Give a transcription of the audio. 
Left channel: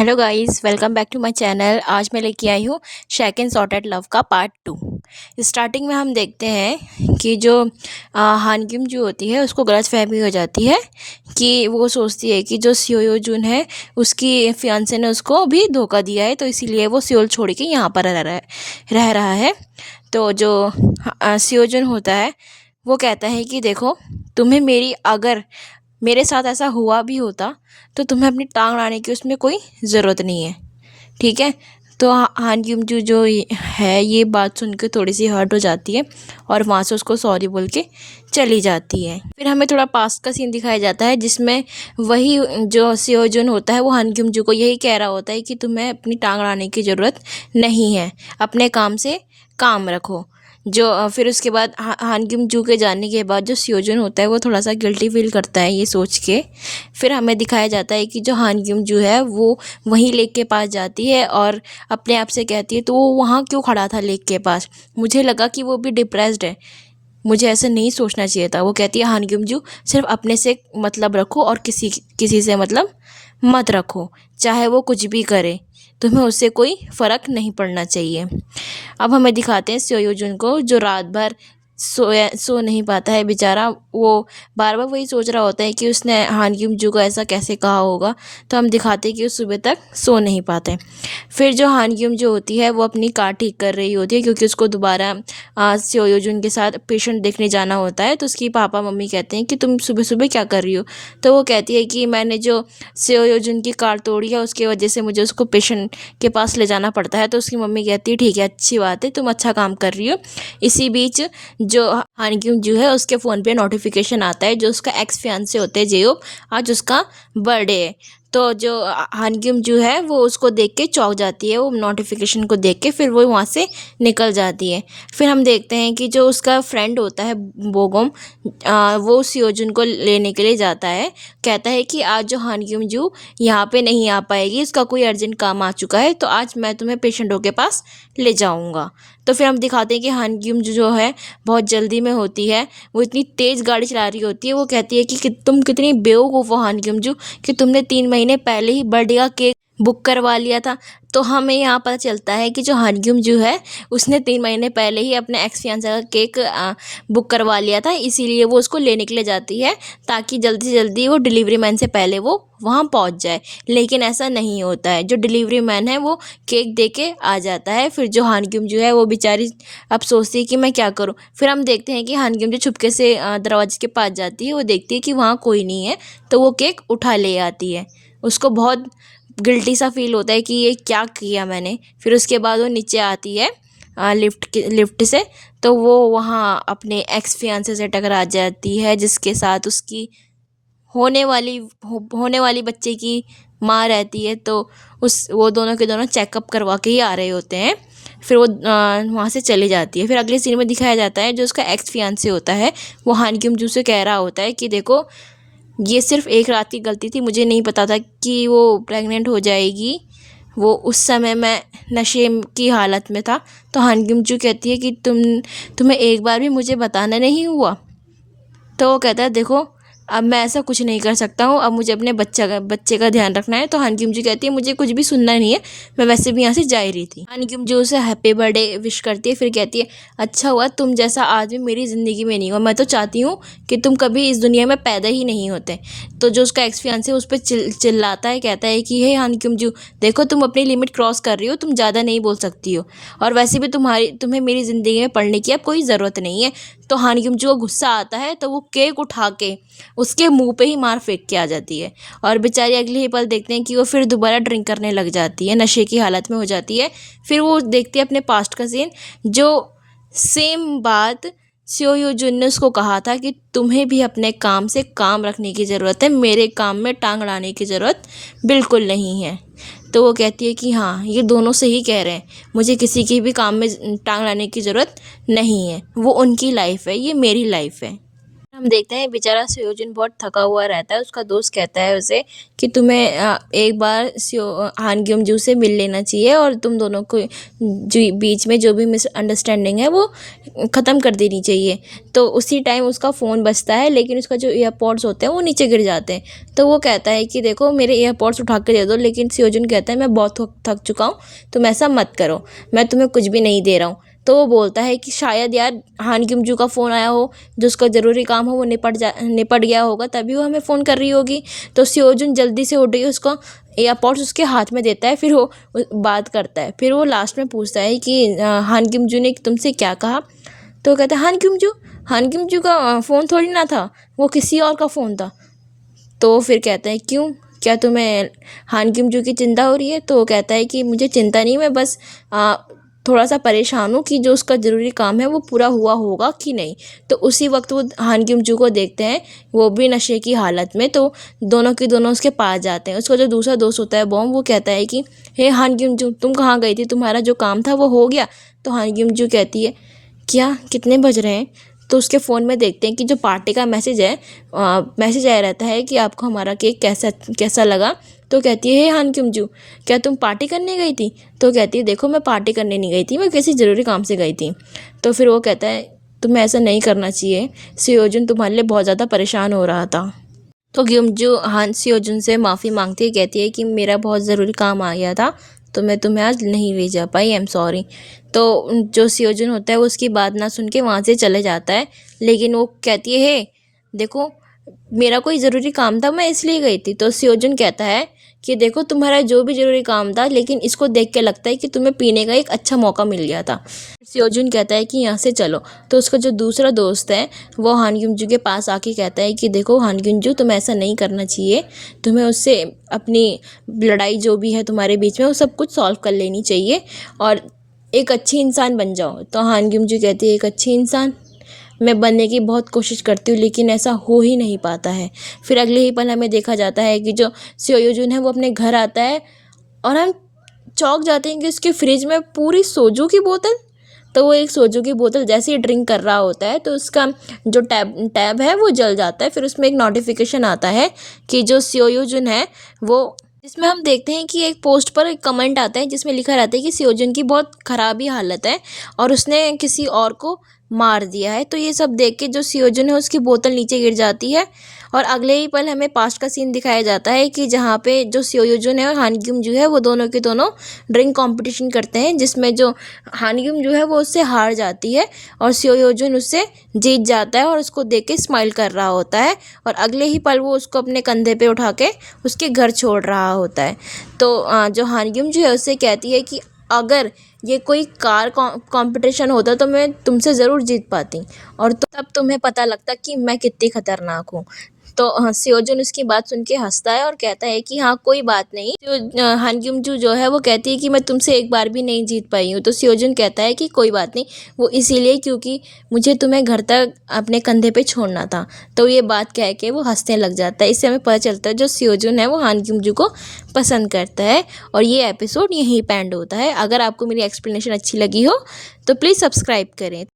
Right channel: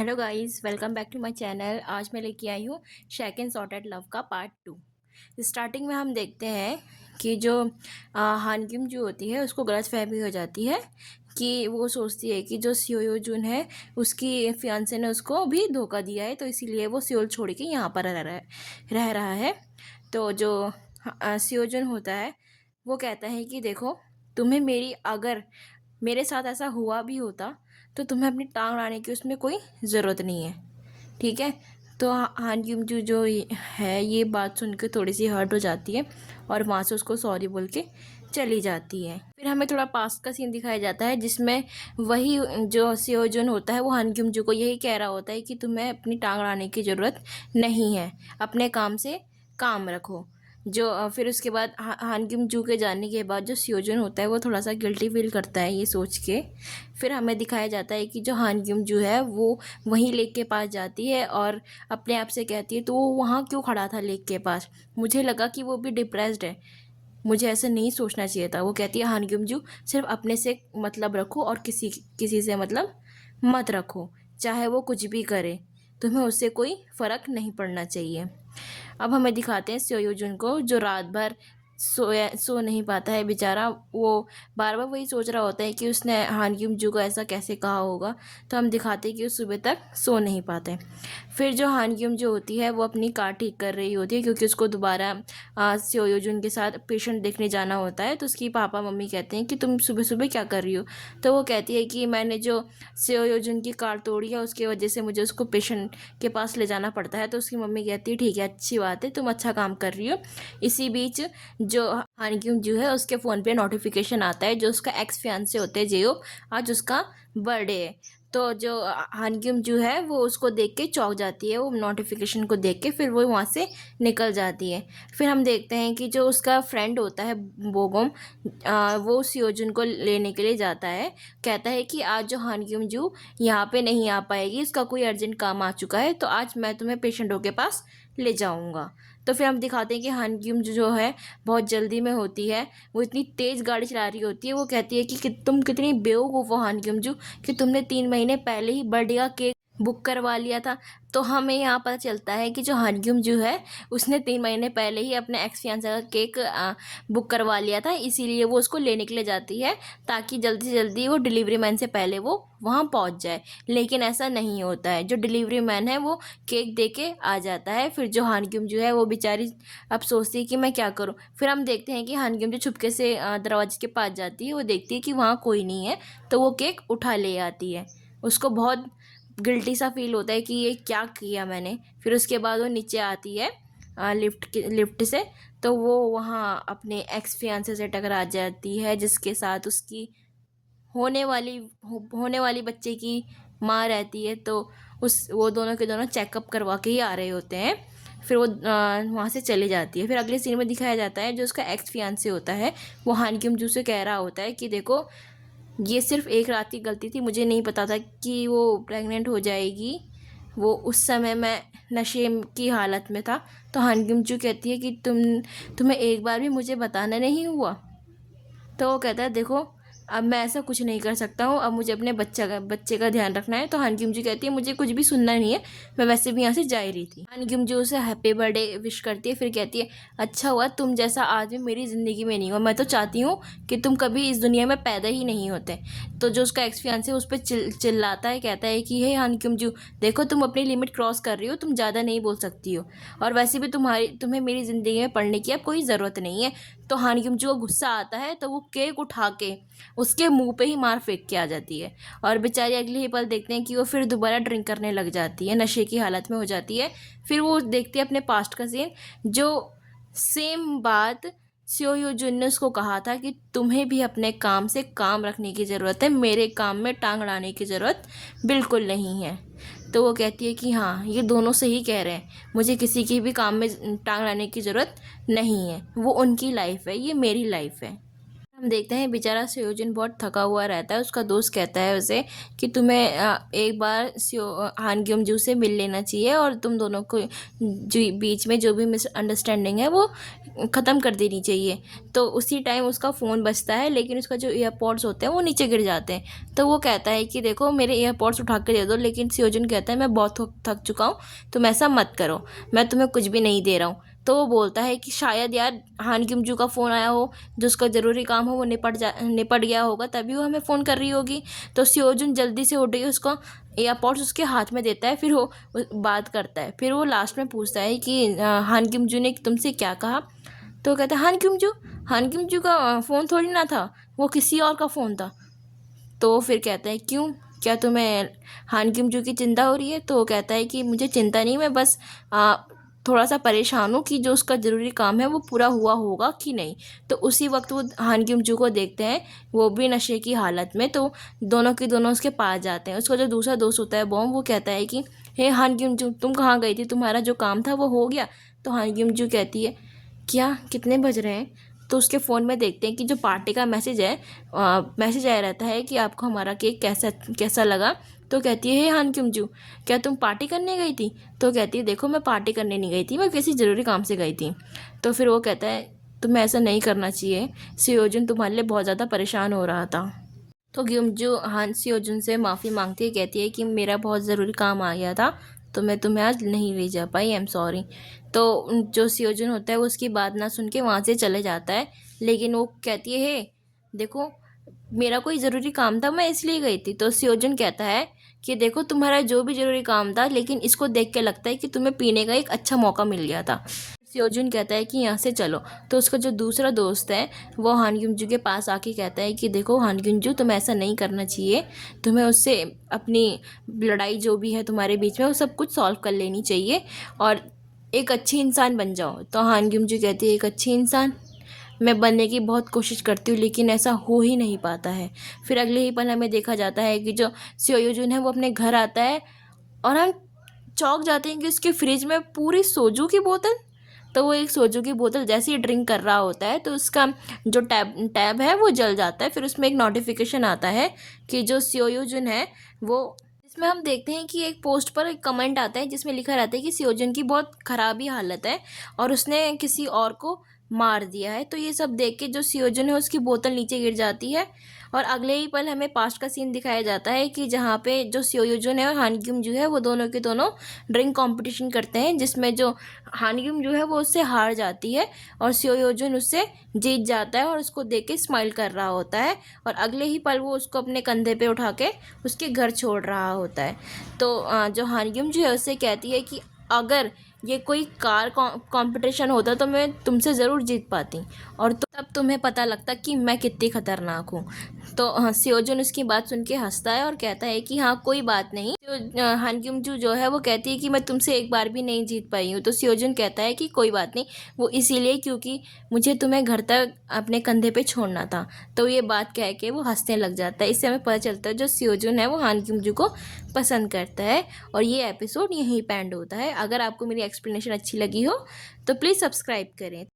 Hello guys, welcome back to my channel. आज मैं लेके आई हूँ शेक एंड सॉर्टेड लव का पार्ट 2। स्टार्टिंग में हम देखते हैं कि जो हान क्यूम जो होती है उसको गलतफहमी हो जाती है कि वो सोचती है कि जो सियो जुन है उसकी फियांसे ने उसको भी धोखा दिया है, तो इसीलिए वो सियोल छोड़ के यहाँ पर रह रहा है। तो जो सियो जुन होता है वो कहता है कि देखो, तुम्हें मेरी अगर मेरे साथ ऐसा हुआ भी होता तो तुम्हें अपनी टांग अड़ाने की उसमें कोई ज़रूरत नहीं है। ठीक है। तो हान क्यूम जू जो है ये बात सुन के थोड़ी सी हर्ट हो जाती है और वहाँ से उसको सॉरी बोल के चली जाती है। फिर हमें थोड़ा पास्ट का सीन दिखाया जाता है जिसमें वही जो सियो जुन होता है वो हान क्यूम जू को यही कह रहा होता है कि तुम्हें अपनी टांग अड़ाने की ज़रूरत नहीं है, अपने काम से काम रखो। जो फिर उसके बाद हान क्यूम जू के जाने के बाद जो सियोजुन होता है वो थोड़ा सा गिल्टी फील करता है ये सोच के। फिर हमें दिखाया जाता है कि जो हान क्यूम जू है वो वहीं लेक के पास जाती है और अपने आप से कहती है, तो वो वहाँ क्यों खड़ा था लेक के पास? मुझे लगा कि वो भी डिप्रेस्ड है, मुझे ऐसे नहीं सोचना चाहिए था। वो कहती है, हान क्यूम जू सिर्फ अपने से मतलब रखो और किसी किसी से मतलब मत रखो, चाहे वो कुछ भी करे, तुम्हें उससे कोई फ़र्क नहीं पड़ना चाहिए। अब हमें दिखाते हैं सोयोजुन को जो रात भर सो नहीं पाता है बेचारा। वो बार बार वही सोच रहा होता है कि उसने हान क्यूम जू को ऐसा कैसे कहा होगा। तो हम दिखाते हैं कि वो सुबह तक सो नहीं पाते। फिर जो हान क्यूम जो होती है वो अपनी कार ठीक कर रही होती है क्योंकि उसको दोबारा सोयोजुन के साथ पेशेंट देखने जाना होता है। तो उसकी पापा मम्मी कहते हैं कि तुम सुबह सुबह क्या कर रही हो? तो वो कहती है कि मैंने जो सोयोजुन की कार तोड़ी है उसकी वजह से मुझे उसको पेशेंट के पास ले जाना पड़ता है। तो उसकी मम्मी कहती है, ठीक है, अच्छी बात है, तुम अच्छा काम कर रही हो। इसी बीच जो हान क्यूम जो है उसके फ़ोन पे नोटिफिकेशन आता है, जो उसका एक्स फियांसे होते हैं जेयोब, आज उसका बर्थडे है। तो जो हान क्यूम जो है वो उसको देख के चौंक जाती है, वो नोटिफिकेशन को देख के फिर वो वहाँ से निकल जाती है। फिर हम देखते हैं कि जो उसका फ्रेंड होता है बोगोम, वो सियोजुन को लेने के लिए जाता है। कहता है कि आज जो हान क्यूम जू यहाँ पे नहीं आ पाएगी, इसका कोई अर्जेंट काम आ चुका है, तो आज मैं तुम्हें पेशेंटों के पास ले जाऊँगा। तो फिर हम दिखाते हैं कि हान क्यूम जो है बहुत जल्दी में होती है, वो इतनी तेज़ गाड़ी चला रही होती है। वो कहती है कि तुम कितनी बेवकूफ़ हो हान क्यूम जू कि तुमने 3 महीने पहले ही बर्थडे का केक बुक करवा लिया था। तो हमें यहाँ पता चलता है कि जो हान क्यूम जो है उसने 3 महीने पहले ही अपने एक्स फियांसे का केक बुक करवा लिया था, इसीलिए वो उसको लेने के लिए जाती है ताकि जल्दी से जल्दी वो डिलीवरी मैन से पहले वो वहाँ पहुँच जाए। लेकिन ऐसा नहीं होता है, जो डिलीवरी मैन है वो केक दे के आ जाता है। फिर जो हान क्यूम जो है वो बेचारी अब सोचती है कि मैं क्या करूँ। फिर हम देखते हैं कि हान क्यूम जो छुपके से दरवाजे के पास जाती है, वो देखती है कि वहाँ कोई नहीं है, तो वो केक उठा ले आती है। उसको बहुत गिल्टी सा फील होता है कि ये क्या किया मैंने। फिर उसके बाद वो नीचे आती है लिफ्ट से, तो वो वहाँ अपने एक्स फियांसे से टकरा जाती है जिसके साथ उसकी होने वाली बच्चे की माँ रहती है। तो वो दोनों के दोनों चेकअप करवा के ही आ रहे होते हैं। फिर वो वहाँ से चली जाती है। फिर अगले सीन में दिखाया जाता है जो उसका एक्स फियांसे होता है वो हान क्यूम जू से कह रहा होता है कि देखो, ये सिर्फ एक रात की गलती थी, मुझे नहीं पता था कि वो प्रेग्नेंट हो जाएगी, वो उस समय मैं नशे की हालत में था। तो हान क्यूम जू कहती है कि तुम्हें एक बार भी मुझे बताना नहीं हुआ? तो वो कहता है, देखो, अब मैं ऐसा कुछ नहीं कर सकता हूँ, अब मुझे अपने बच्चे का ध्यान रखना है। तो हान क्यूम जी कहती है, मुझे कुछ भी सुनना नहीं है, मैं वैसे भी यहाँ से जा ही रही थी। हान क्यूम जी उसे हैप्पी बर्थडे विश करती है, फिर कहती है, अच्छा हुआ तुम जैसा आदमी मेरी ज़िंदगी में नहीं हुआ, मैं तो चाहती हूँ कि तुम कभी इस दुनिया में पैदा ही नहीं होते। तो जो उसका एक्स फियांसे उस पर चिल्लाता है, कहता है कि हे हान क्यूम जी, देखो तुम अपनी लिमिट क्रॉस कर रही हो, तुम ज़्यादा नहीं बोल सकती हो, और वैसे भी तुम्हें मेरी ज़िंदगी में पढ़ने की अब कोई ज़रूरत नहीं है। तो हान क्यूम जी को गुस्सा आता है, तो वो केक उठा के उसके मुंह पे ही मार फेंक के आ जाती है। और बेचारी अगले ही पल देखते हैं कि वो फिर दोबारा ड्रिंक करने लग जाती है, नशे की हालत में हो जाती है। फिर वो देखते हैं अपने पास्ट का सीन, जो सेम बात सियो जुन ने उसको कहा था कि तुम्हें भी अपने काम से काम रखने की ज़रूरत है, मेरे काम में टांग अड़ाने की ज़रूरत बिल्कुल नहीं है। तो वो कहती है कि हाँ, ये दोनों सही कह रहे हैं, मुझे किसी की भी काम में टांग अड़ाने की ज़रूरत नहीं है, वो उनकी लाइफ है, ये मेरी लाइफ है। हम देखते हैं बेचारा सियोजुन बहुत थका हुआ रहता है। उसका दोस्त कहता है उसे कि तुम्हें एक बार हान ग्यूम जू से मिल लेना चाहिए और तुम दोनों को बीच में जो भी मिसअंडरस्टैंडिंग है वो ख़त्म कर देनी चाहिए। तो उसी टाइम उसका फ़ोन बजता है, लेकिन उसका जो ईयरपॉड्स होते हैं वो नीचे गिर जाते हैं। तो वो कहता है कि देखो मेरे ईयरपॉड्स उठा के दे दो, लेकिन सियोजुन कहता है मैं बहुत थक चुका हूँ, तुम ऐसा मत करो, मैं तुम्हें कुछ भी नहीं दे रहा हूँ। तो वो बोलता है कि शायद यार हान ग्यूम जू का फ़ोन आया हो, जो उसका ज़रूरी काम हो वो निपट गया होगा, तभी वो हमें फ़ोन कर रही होगी। तो सियोजुन जल्दी से उठ गई, उसको एयरपॉड्स उसके हाथ में देता है, फिर वो बात करता है। फिर वो लास्ट में पूछता है कि हान ग्यूम जू ने तुमसे क्या कहा। तो कहता है हान ग्यूम जू का फ़ोन थोड़ी ना था, वो किसी और का फ़ोन था। तो फिर कहता है क्यों, क्या तुम्हें हान ग्यूम जू की चिंता हो रही है। तो वो कहता है कि मुझे चिंता नहीं, मैं बस थोड़ा सा परेशान हूँ कि जो उसका ज़रूरी काम है वो पूरा हुआ होगा कि नहीं। तो उसी वक्त वो हान ग्यूम जू को देखते हैं, वो भी नशे की हालत में। तो दोनों के दोनों उसके पास जाते हैं। उसका जो दूसरा दोस्त होता है बॉम्ब, वो कहता है कि हे हान ग्यूम जू, तुम कहाँ गई थी, तुम्हारा जो काम था वो हो गया। तो हान ग्यूम जू कहती है क्या, कितने बज रहे हैं। तो उसके फ़ोन में देखते हैं कि जो पार्टी का मैसेज है, मैसेज आया रहता है कि आपको हमारा केक कैसा लगा। तो कहती है हे हान ग्यूम जू, क्या तुम पार्टी करने गई थी। तो कहती है देखो मैं पार्टी करने नहीं गई थी, मैं किसी ज़रूरी काम से गई थी। तो फिर वो कहता है तुम्हें ऐसा नहीं करना चाहिए, सियोजुन तुम्हारे लिए बहुत ज़्यादा परेशान हो रहा था। तो ग्यूमजू हान सियोजुन से माफ़ी मांगती है, कहती है कि मेरा बहुत ज़रूरी काम आ गया था, तो मैं तुम्हें आज नहीं ले जा पाई, आई एम सॉरी। तो जो सियोजुन होता है वो उसकी बात ना सुन के वहाँ से चले जाता है। लेकिन वो कहती है हे देखो मेरा कोई ज़रूरी काम था, मैं इसलिए गई थी। तो सियोजुन कहता है कि देखो तुम्हारा जो भी ज़रूरी काम था, लेकिन इसको देख के लगता है कि तुम्हें पीने का एक अच्छा मौका मिल गया था। सियोजुन कहता है कि यहाँ से चलो। तो उसका जो दूसरा दोस्त है वो हान ग्यूम जू के पास आके कहता है कि देखो हान ग्यूम जू, तुम्हें ऐसा नहीं करना चाहिए, तुम्हें उससे अपनी लड़ाई जो भी है तुम्हारे बीच में वो सब कुछ सॉल्व कर लेनी चाहिए और एक अच्छी इंसान बन जाओ। तो हान ग्यूम जू कहती है एक अच्छी इंसान मैं बनने की बहुत कोशिश करती हूँ, लेकिन ऐसा हो ही नहीं पाता है। फिर अगले ही पल हमें देखा जाता है कि जो सियोजुन है वो अपने घर आता है और हम चौंक जाते हैं कि उसके फ्रिज में पूरी सोजू की बोतल। तो वो एक सोजू की बोतल जैसे ही ड्रिंक कर रहा होता है तो उसका जो टैब है वो जल जाता है। फिर उसमें एक नोटिफिकेशन आता है कि जो सियोजुन है वो, जिसमें हम देखते हैं कि एक पोस्ट पर एक कमेंट आता है जिसमें लिखा रहता है कि सियोजुन की बहुत ख़राब ही हालत है और उसने किसी और को मार दिया है। तो ये सब देख के जो सियोजुन है उसकी बोतल नीचे गिर जाती है और अगले ही पल हमें पास्ट का सीन दिखाया जाता है कि जहाँ पे जो सियोजुन है और हान ग्यूम जू है वो दोनों के दोनों ड्रिंक कंपटीशन करते हैं, जिसमें जो हान ग्यूम जू है वो उससे हार जाती है और सियोजुन उससे जीत जाता है और उसको देख के स्माइल कर रहा होता है और अगले ही पल वो उसको अपने कंधे पे उठा के उसके घर छोड़ रहा होता है। तो जो हान ग्यूम जू है उससे कहती है कि अगर ये कोई कार कंपटीशन होता तो मैं तुमसे ज़रूर जीत पाती और तब तुम्हें पता लगता कि मैं कितनी खतरनाक हूँ। तो सियोजुन उसकी बात सुन के हंसता है और कहता है कि हाँ कोई बात नहीं। तो हान ग्यूम जू जो है वो कहती है कि मैं तुमसे एक बार भी नहीं जीत पाई हूँ। तो सियोजुन कहता है कि कोई बात नहीं, वो इसीलिए क्योंकि मुझे तुम्हें घर तक अपने कंधे पे छोड़ना था। तो ये बात कह के वो हंसने लग जाता है। इससे हमें पता चलता है जो सियोजुन है वो हान ग्यूम जू को पसंद करता है और ये एपिसोड यहीं पे एंड होता है। अगर आपको मेरी एक्सप्लेनेशन अच्छी लगी हो तो प्लीज़ सब्सक्राइब करें।